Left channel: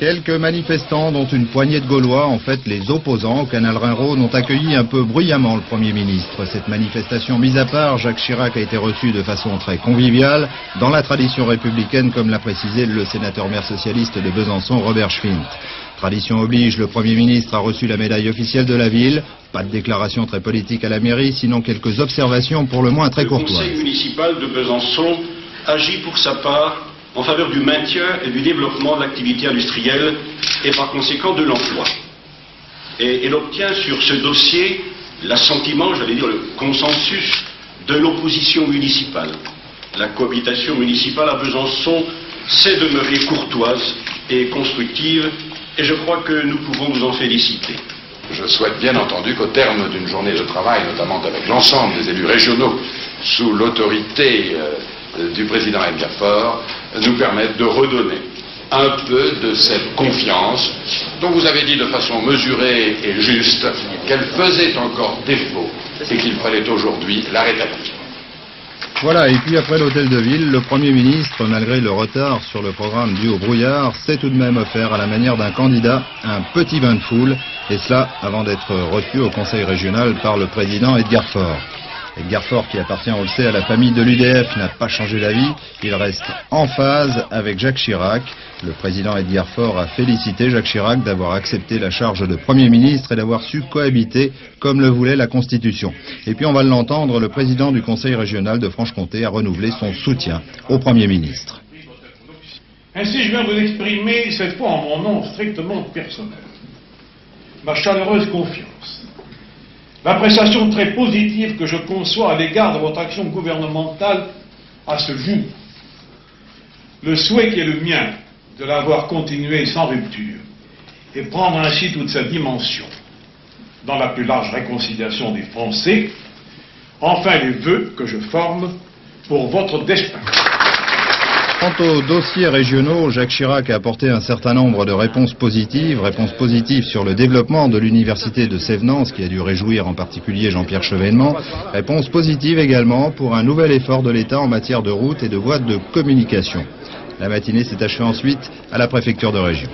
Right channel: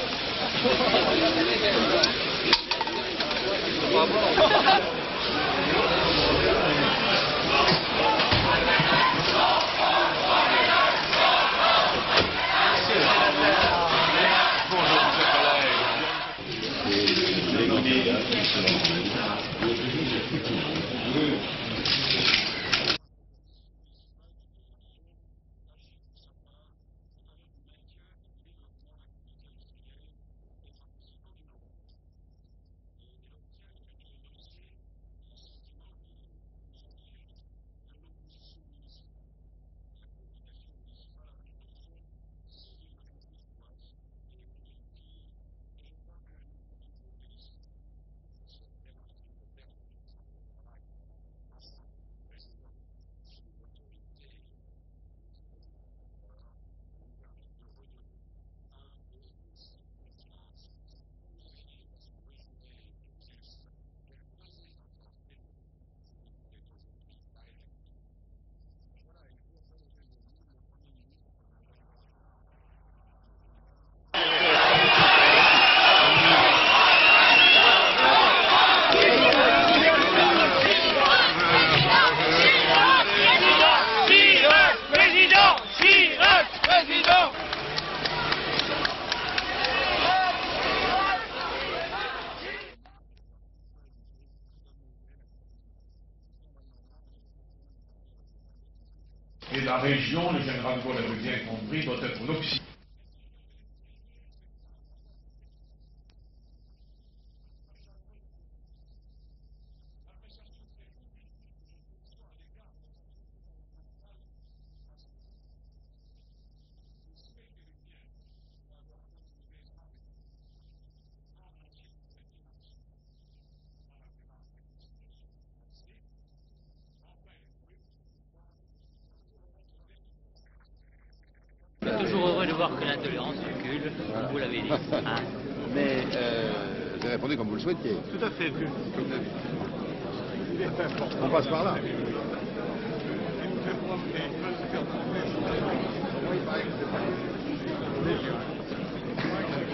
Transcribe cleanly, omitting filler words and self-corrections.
Quelques manifestants, dont une poignée de Gaulois, en fait les opposants au canal Rhin-Rhône, ont accueilli un peu bruyamment le Premier ministre. Cette manifestation mise à part, Jacques Chirac a été reçu de façon très conviviale, dans la tradition républicaine, comme l'a précisé le sénateur maire socialiste de Besançon, Robert Schumann. Tradition oblige, le Premier ministre a reçu la médaille officielle de la ville. Pas de déclaration très politique à la mairie, sinon quelques observations pour le moins très courtoises. Le conseil municipal de Besançon agit pour sa part en faveur du maintien et du développement de l'activité industrielle et par conséquent de l'emploi. Et elle obtient sur ce dossier l'assentiment, j'allais dire le consensus de l'opposition municipale. La cohabitation municipale à Besançon sait demeurer courtoise et constructive et je crois que nous pouvons nous en féliciter. Je souhaite bien entendu qu'au terme d'une journée de travail, notamment avec l'ensemble des élus régionaux, sous l'autorité du président Edgar Faure, nous permettent de redonner un peu de cette confiance dont vous avez dit de façon mesurée et juste qu'elle faisait encore défaut et qu'il fallait aujourd'hui la rétablir. Voilà, et puis après l'hôtel de ville, le Premier ministre, malgré le retard sur le programme dû au brouillard, s'est tout de même offert à la manière d'un candidat un petit bain de foule, et ça avant d'être reçu au conseil régional par le président Edgar Faure. Edgar Faure, qui appartient au fait à la famille de l'UDF, n'a pas changé d'avis, il reste en phase avec Jacques Chirac. Le président Edgar Faure a félicité Jacques Chirac d'avoir accepté la charge de Premier ministre et d'avoir su cohabiter comme le voulait la Constitution. Et puis on va l'entendre, le président du Conseil régional de Franche-Comté a renouvelé son soutien au Premier ministre. Ainsi, je viens vous exprimer cette fois en mon nom strictement personnel ma chaleureuse confiance, l'appréciation très positive que je conçois à l'égard de votre action gouvernementale à ce jour, le souhait qui est le mien de l'avoir continué sans rupture et prendre ainsi toute sa dimension dans la plus large réconciliation des Français, enfin les vœux que je forme pour votre destin. Quant aux dossiers régionaux, Jacques Chirac a apporté un certain nombre de réponses positives sur le développement de l'université de Sévenance, qui a dû réjouir en particulier Jean-Pierre Chevènement, réponses positives également pour un nouvel effort de l'État en matière de routes et de voies de communication. La matinée s'est achevée ensuite à la préfecture de région.